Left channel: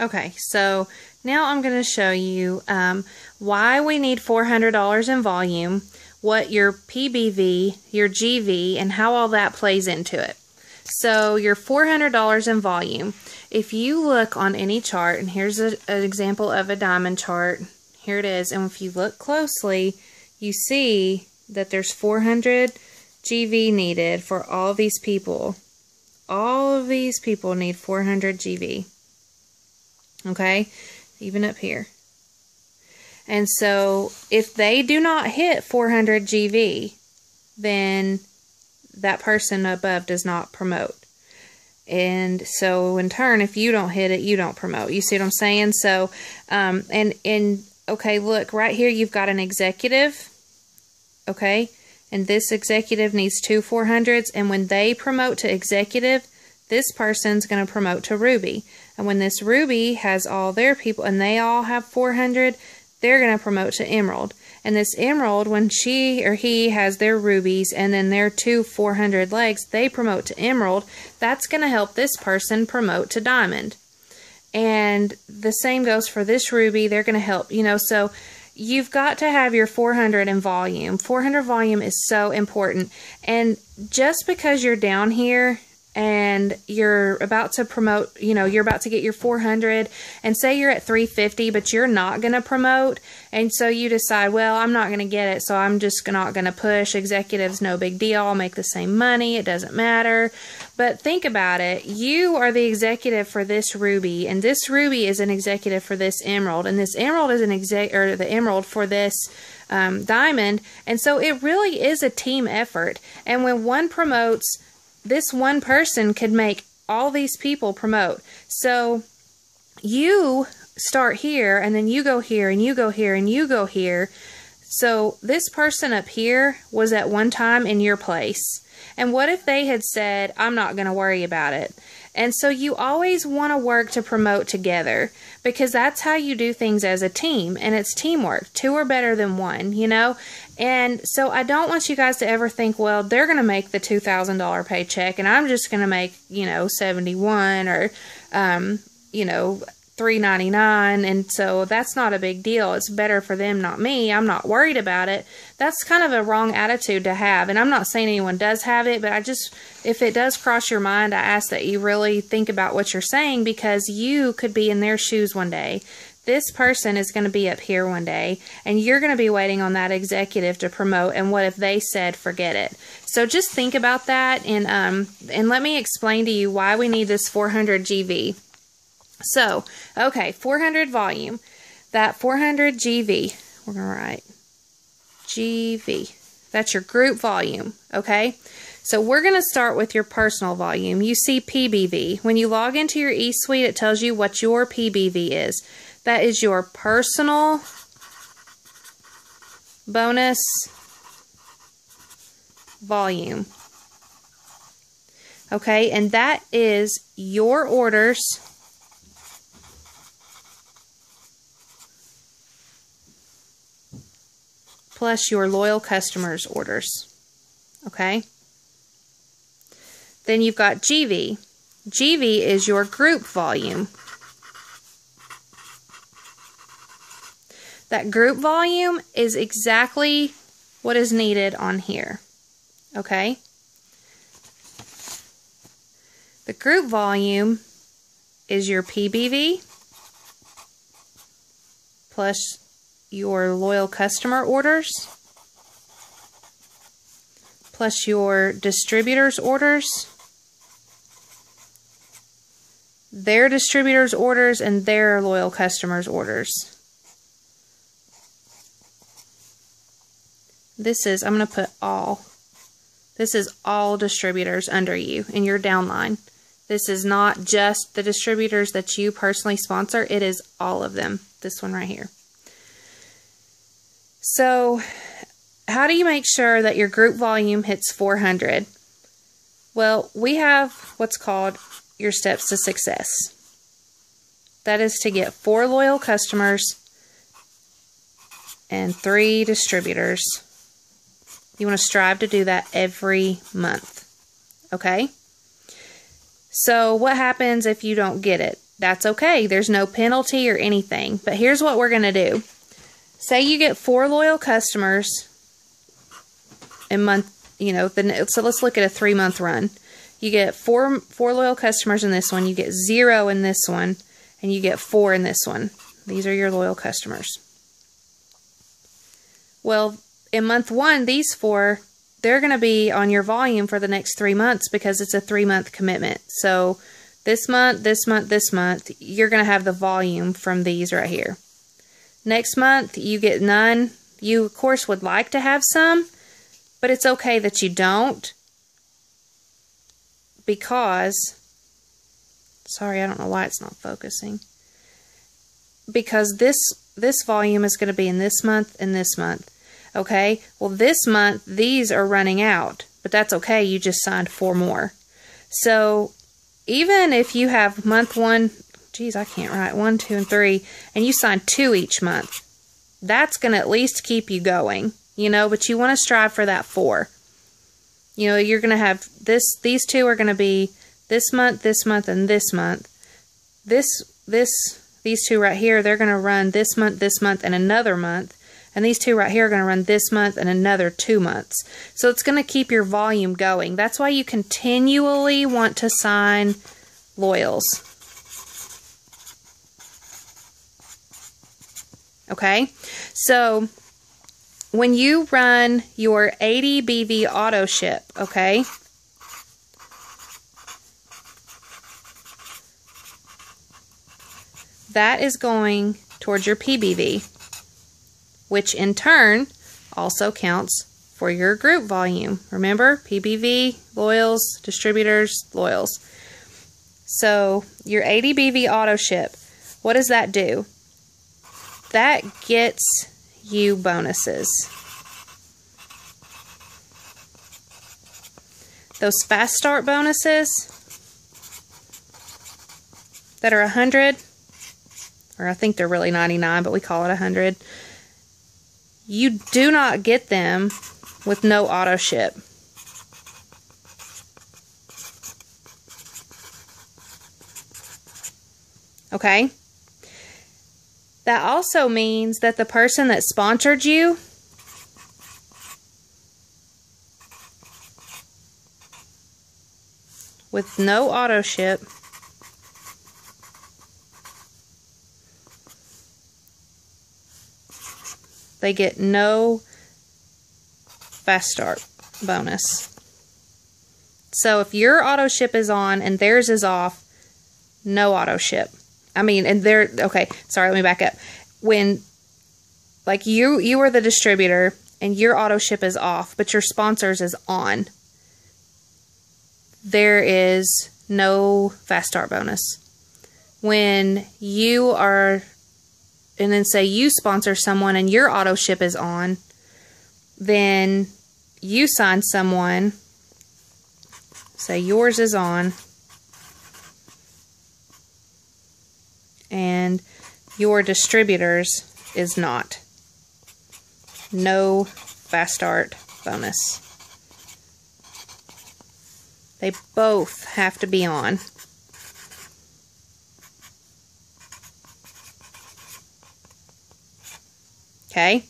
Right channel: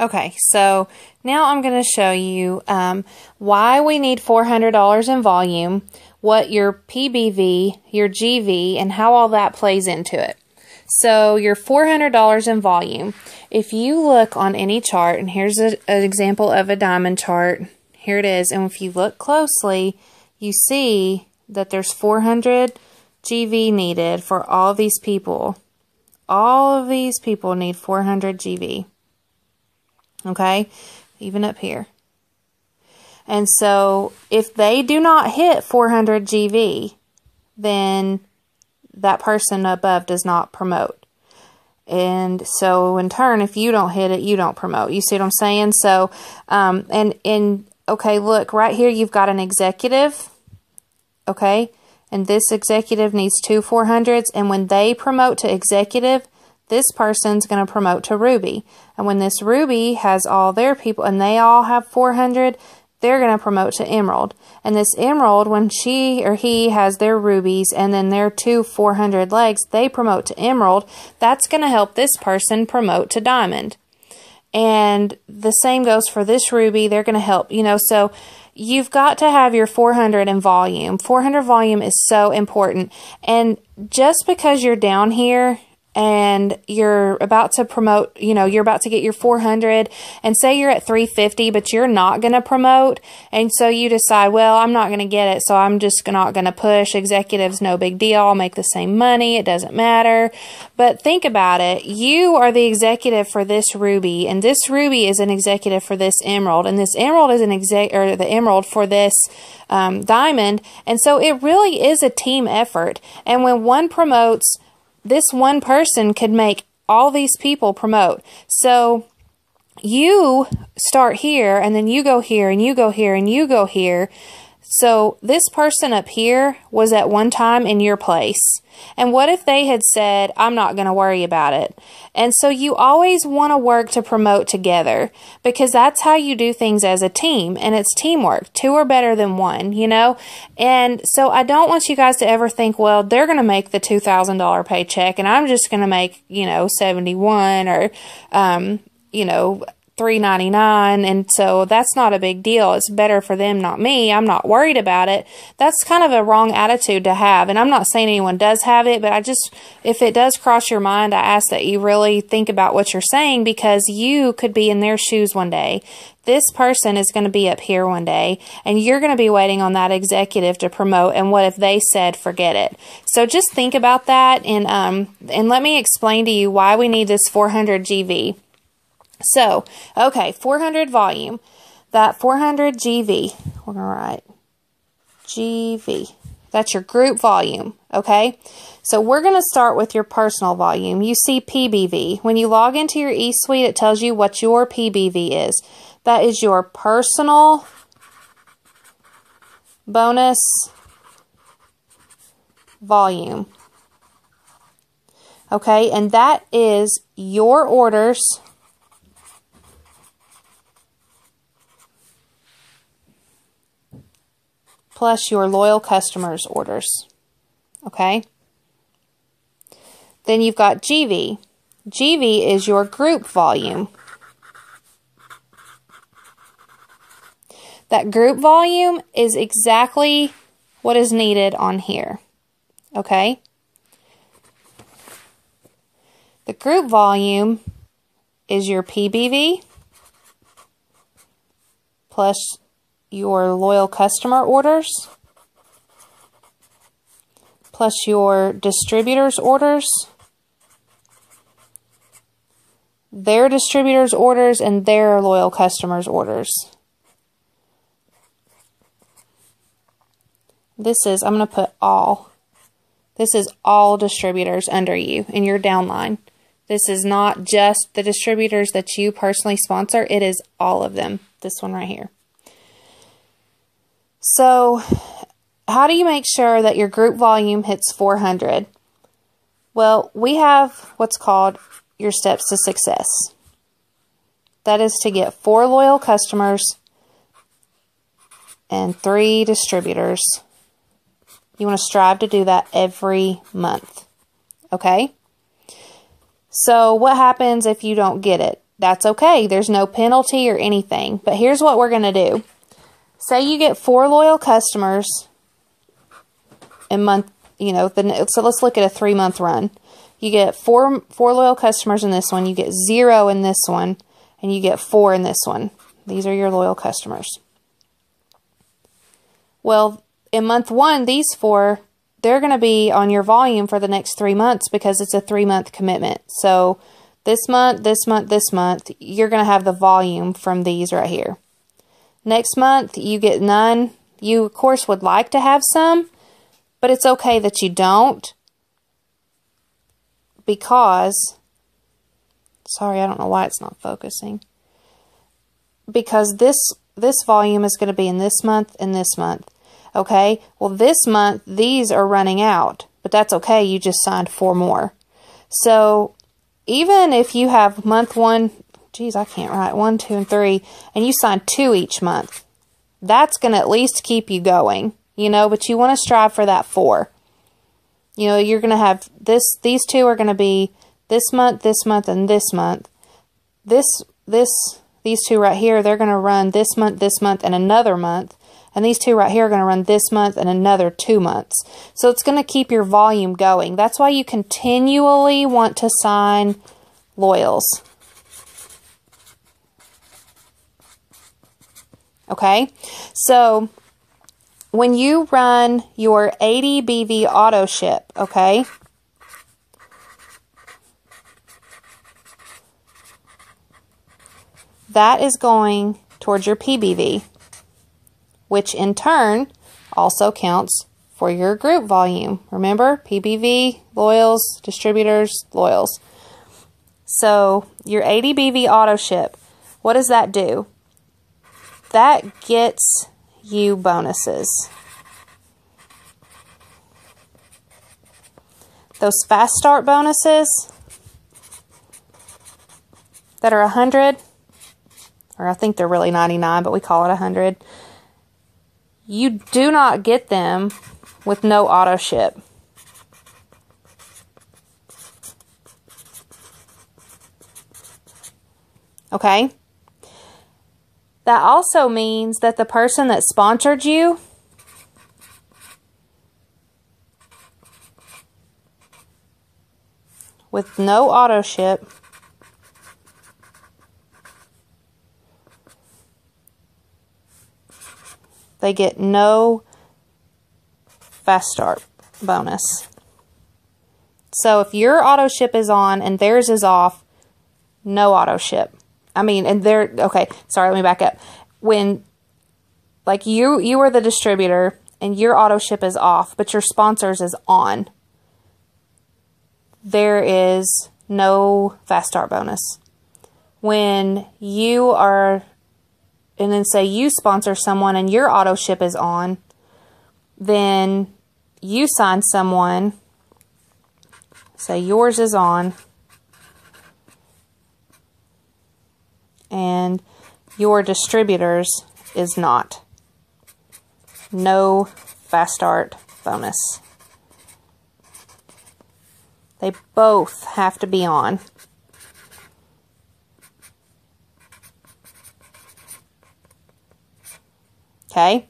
Okay, so now I'm going to show you why we need $400 in volume, what your PBV, your GV, and how all that plays into it. So your $400 in volume, if you look on any chart, and here's an example of a diamond chart, here it is, and if you look closely, you see that there's 400 GV needed for all these people. All of these people need 400 GV. Okay, even up here. And so if they do not hit 400 GV, then that person above does not promote. And so in turn, if you don't hit it, you don't promote. You see what I'm saying? So, okay, look, right here you've got an executive, okay? And this executive needs 2 400s, and when they promote to executive, this person's going to promote to Ruby. And when this Ruby has all their people, and they all have 400, they're going to promote to Emerald. And this Emerald, when she or he has their rubies and then their 2 400 legs, they promote to Emerald. That's going to help this person promote to Diamond. And the same goes for this ruby. They're going to help, you know, so you've got to have your 400 in volume. 400 volume is so important. And just because you're down here and you're about to promote, you know, you're about to get your 400, and say you're at 350, but you're not going to promote, and so you decide, well, I'm not going to get it, so I'm just not going to push. Executive's no big deal. I'll make the same money. It doesn't matter. But think about it. You are the executive for this ruby, and this ruby is an executive for this emerald, and this emerald is the emerald for this diamond, and so it really is a team effort. And when one promotes, this one person could make all these people promote. So you start here, and then you go here, and you go here, and you go here. So this person up here was at one time in your place. And what if they had said, I'm not going to worry about it? And so you always want to work to promote together, because that's how you do things as a team, and it's teamwork. 2 are better than 1, you know? And so I don't want you guys to ever think, well, they're going to make the $2,000 paycheck and I'm just going to make, you know, 71 or, you know, $3.99, and so that's not a big deal. It's better for them, not me. I'm not worried about it. That's kind of a wrong attitude to have, and I'm not saying anyone does have it, but I just, if it does cross your mind, I ask that you really think about what you're saying, because you could be in their shoes one day. This person is going to be up here one day, and you're going to be waiting on that executive to promote, and what if they said, forget it? So just think about that, and let me explain to you why we need this 400 GV. So, okay, 400 volume. That 400 GV, we're going to write GV. That's your group volume, okay? So we're going to start with your personal volume. You see PBV. When you log into your eSuite, it tells you what your PBV is. That is your personal bonus volume. Okay, and that is your orders plus your loyal customers' orders. Okay? Then you've got GV. GV is your group volume. That group volume is exactly what is needed on here. Okay? The group volume is your PBV plus your loyal customer orders plus your distributors' orders, their distributors' orders, and their loyal customers' orders. This is, I'm going to put all. This is all distributors under you in your downline. This is not just the distributors that you personally sponsor. It is all of them. This one right here. So, how do you make sure that your group volume hits 400? Well, we have what's called your steps to success. That is to get 4 loyal customers and 3 distributors. You want to strive to do that every month. Okay? So what happens if you don't get it? that's okay. There's no penalty or anything. But here's what we're going to do. Say you get 4 loyal customers in month, so let's look at a 3-month run. You get four loyal customers in this one, you get 0 in this one, and you get 4 in this one. These are your loyal customers. Well, in month 1, these 4, they're going to be on your volume for the next 3 months because it's a 3-month commitment. So this month, this month, this month, you're going to have the volume from these right here. Next month, you get none. You, of course, would like to have some, but it's okay that you don't because, sorry, I don't know why it's not focusing. Because this volume is going to be in this month and this month. Okay, well this month, these are running out, but that's okay. You just signed 4 more. So even if you have month 1, geez, I can't write, 1, 2, and 3, and you sign 2 each month, that's going to at least keep you going, but you want to strive for that 4. You're going to have these 2 are going to be this month, and this month. These 2 right here, they're going to run this month, and another month. And these 2 right here are going to run this month and another 2 months. So it's going to keep your volume going. That's why you continually want to sign loyals. Okay? So when you run your 80 BV auto ship, okay? That is going towards your PBV, which in turn also counts for your group volume. Remember, PBV, loyals, distributors, loyals. So your 80 BV auto ship, what does that do? That gets you bonuses. Those fast start bonuses that are 100, or I think they're really 99, but we call it 100. You do not get them with no auto ship. Okay? That also means that the person that sponsored you with no auto ship they get no fast start bonus. So if your auto ship is on and theirs is off, no auto ship. Okay, sorry, let me back up. When, like, you are the distributor and your auto ship is off, but your sponsors is on, there is no fast start bonus. When you are, and then say you sponsor someone and your auto ship is on, then you sign someone, say yours is on, and your distributors is not. No fast start bonus. They both have to be on. Okay?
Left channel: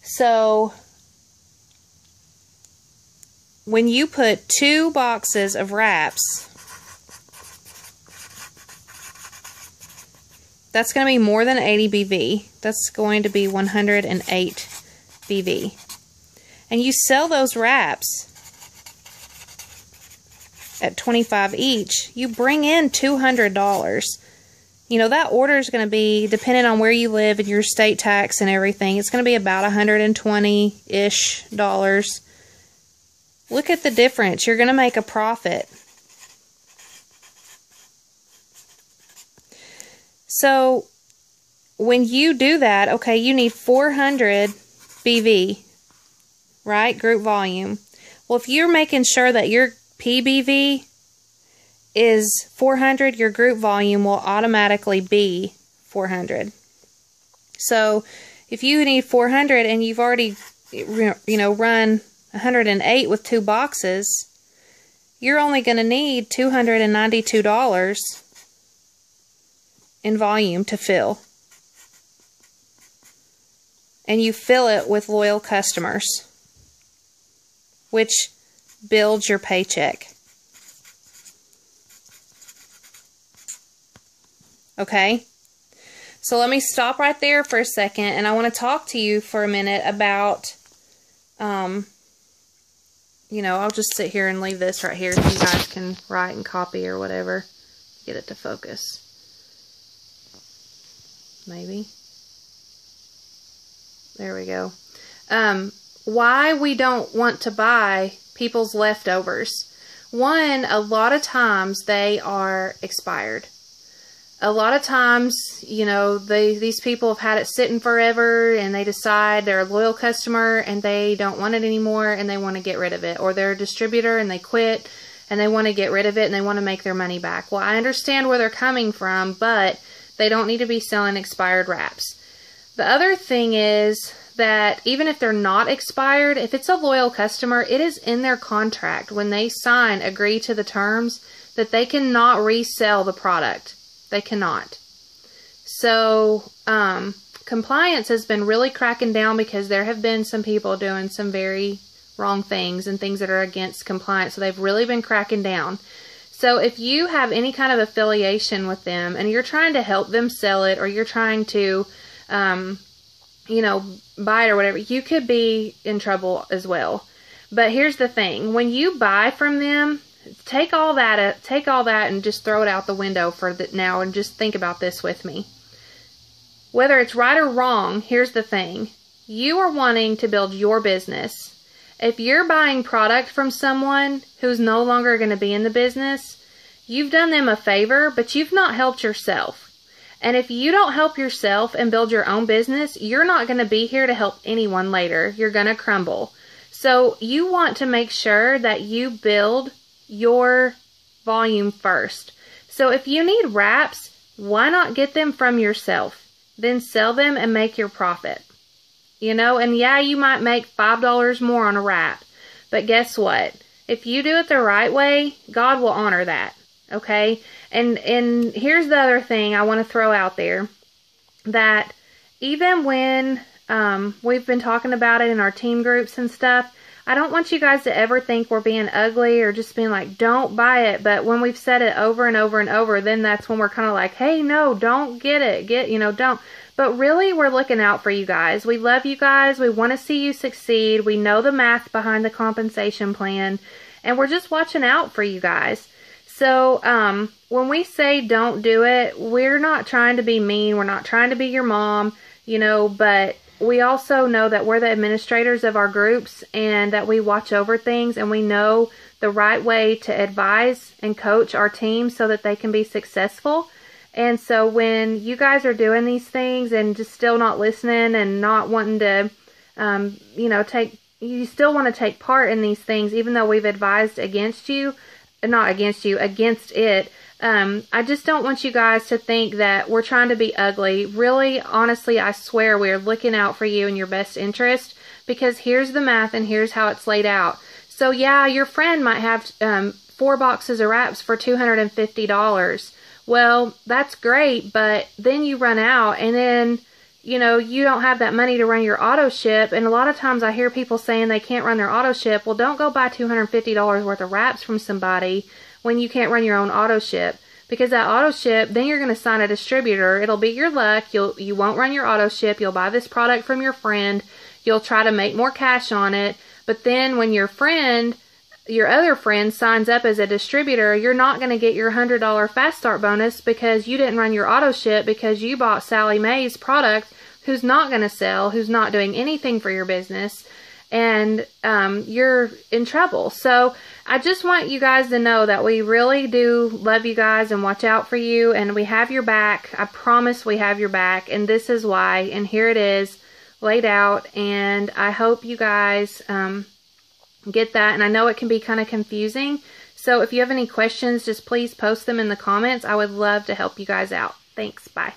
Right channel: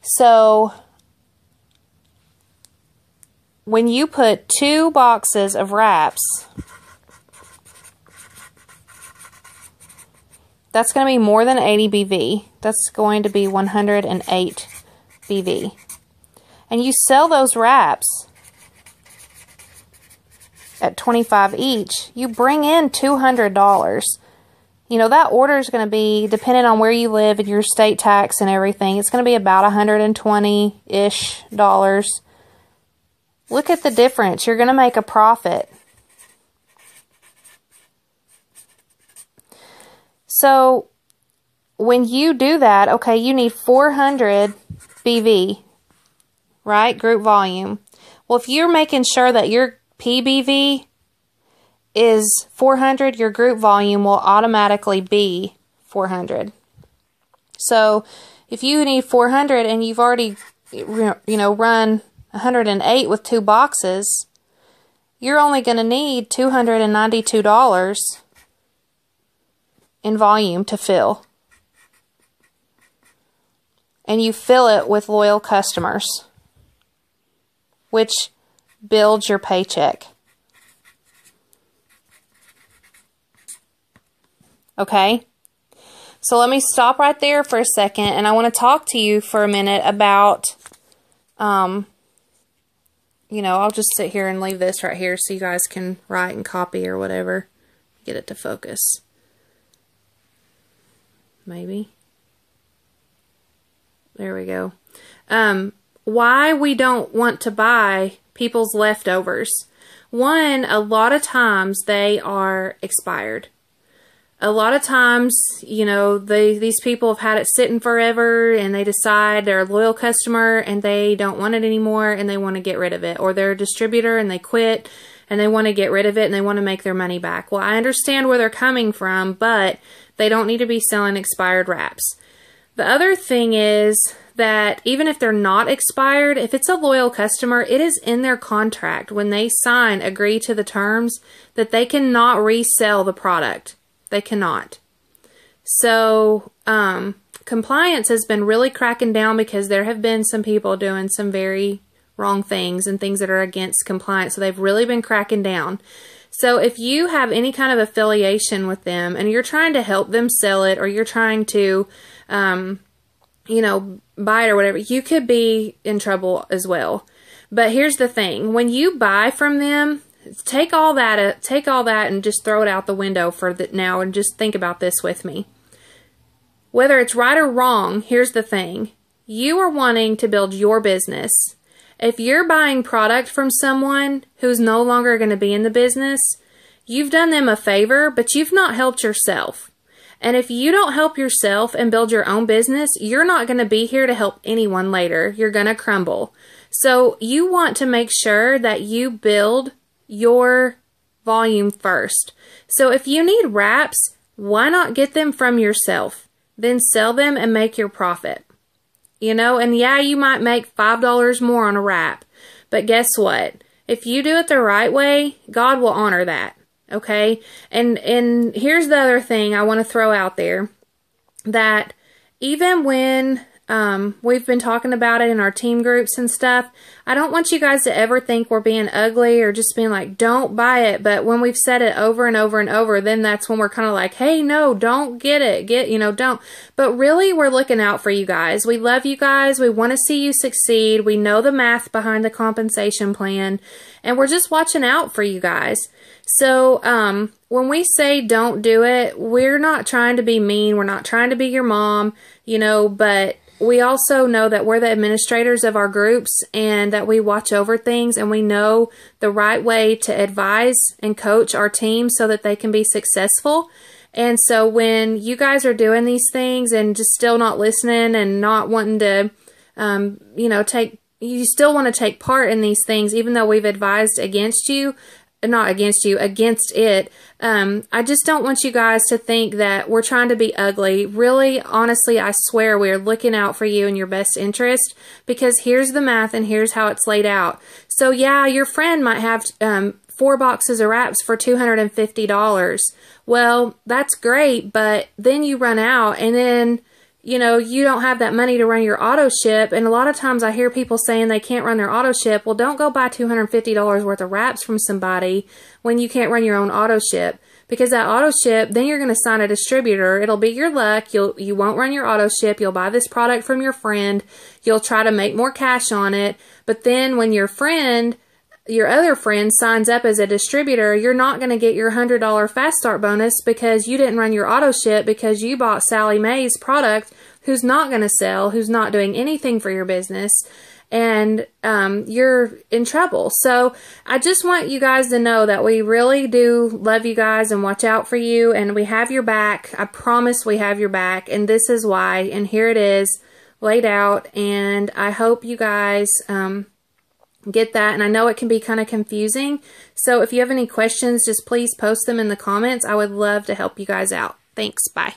So when you put 2 boxes of wraps, that's going to be more than 80 BV. That's going to be 108 BV. And you sell those wraps at $25 each, you bring in $200. That order is going to be, depending on where you live and your state tax and everything, it's going to be about $120-ish. Look at the difference. You're going to make a profit. So when you do that, okay, you need 400 BV, right? Group volume. Well, if you're making sure that your PBV is 400, your group volume will automatically be 400. So if you need 400 and you've already, run 108 with 2 boxes, you're only going to need $292 in volume to fill. And you fill it with loyal customers, which builds your paycheck. Okay? So let me stop right there for a second, and I want to talk to you for a minute about, you know, I'll just sit here and leave this right here so you guys can write and copy or whatever. Get it to focus. Maybe. There we go. Why we don't want to buy people's leftovers. One, a lot of times they are expired. A lot of times, you know, these people have had it sitting forever and they decide they're a loyal customer and they don't want it anymore and they want to get rid of it. Or they're a distributor and they quit and they want to get rid of it and they want to make their money back. Well, I understand where they're coming from, but they don't need to be selling expired wraps. The other thing is that even if they're not expired, if it's a loyal customer, it is in their contract when they agree to the terms that they cannot resell the product. They cannot. So, compliance has been really cracking down because there have been some people doing some very wrong things and things that are against compliance. So they've really been cracking down. So if you have any kind of affiliation with them and you're trying to help them sell it, or you're trying to, you know, buy it or whatever, you could be in trouble as well. But here's the thing. When you buy from them, take all that and just throw it out the window for now, and just think about this with me. Whether it's right or wrong, here's the thing. You are wanting to build your business. If you're buying product from someone who's no longer going to be in the business, you've done them a favor, but you've not helped yourself. And if you don't help yourself and build your own business, you're not going to be here to help anyone later. You're going to crumble. So you want to make sure that you build your volume first. So if you need wraps, why not get them from yourself? Then sell them and make your profit. You know, and yeah, you might make $5 more on a wrap. But guess what? If you do it the right way, God will honor that. Okay? And here's the other thing I want to throw out there. That even when we've been talking about it in our team groups and stuff, I don't want you guys to ever think we're being ugly or just being like, don't buy it. But when we've said it over and over and over, then that's when we're kind of like, hey, no, don't get it. You know, don't. But really, we're looking out for you guys. We love you guys. We want to see you succeed. We know the math behind the compensation plan. And we're just watching out for you guys. So when we say don't do it, we're not trying to be mean. We're not trying to be your mom, you know, but we also know that we're the administrators of our groups and that we watch over things, and we know the right way to advise and coach our team so that they can be successful. And so when you guys are doing these things and just still not listening and not wanting to, you know, you still want to take part in these things, even though we've advised against you, not against you, against it. I just don't want you guys to think that we're trying to be ugly. Really, honestly, I swear we're looking out for you and your best interest, because here's the math and here's how it's laid out. So yeah, your friend might have 4 boxes of wraps for $250. Well, that's great, but then you run out and then, you know, you don't have that money to run your auto ship. And a lot of times I hear people saying they can't run their auto ship. Well, don't go buy $250 worth of wraps from somebody when you can't run your own auto ship, because that auto ship, then you're going to sign a distributor. It'll be your luck. You won't run your auto ship. You'll buy this product from your friend. You'll try to make more cash on it. But then when your other friend signs up as a distributor, you're not going to get your $100 fast start bonus because you didn't run your auto ship, because you bought Sally Mae's product, who's not going to sell, who's not doing anything for your business. And you're in trouble. So I just want you guys to know that we really do love you guys and watch out for you, and we have your back. I promise we have your back, and this is why, and here it is laid out. And I hope you guys get that, and I know it can be kind of confusing. So if you have any questions, just please post them in the comments. I would love to help you guys out. Thanks. Bye.